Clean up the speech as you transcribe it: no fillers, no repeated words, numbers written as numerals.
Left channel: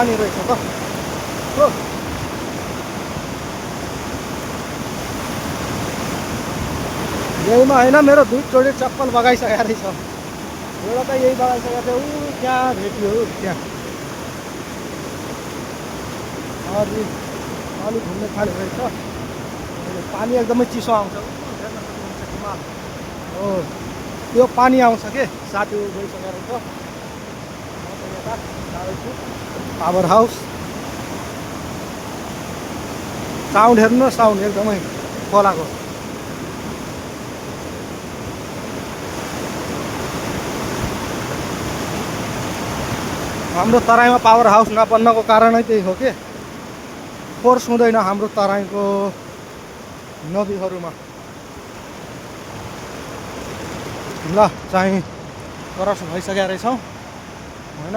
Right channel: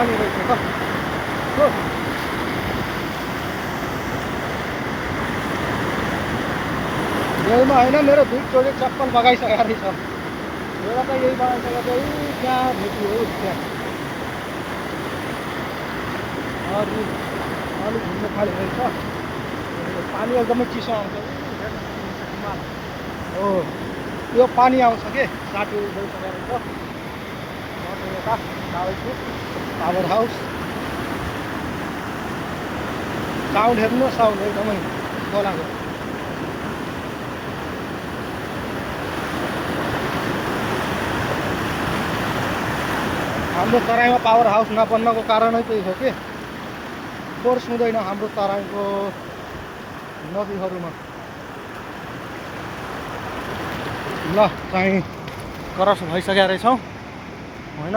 पानी रहेछ त हो। यहीमा होइन मेरो दुध जोडी चप्पल बगाइसकेको रहेछ। एउटा त यही बगाइसकेको थियो, ऊ त्यहाँ भेटियो त्यहाँ अरू अलिक घुम्नु थाल्यो रहेछ। पानी एकदमै चिसो आउँछ, हेर्न सक्नुहुन्छ हिमाल हो त्यो पानी आउँछ के साथी गइसकेको रहेछ। म चाहिँ यता जाँदैछु टावर हाउस। साउन्ड हेर्नु न, साउन्ड एकदमै खोलाको। हाम्रो तराईमा पावर हाउस नबन्नको कारणै त्यही हो कि फोर्स हुँदैन हाम्रो तराईको नदीहरूमा। ल चाहिँ क्रस भइसकेका रहेछौँ होइन।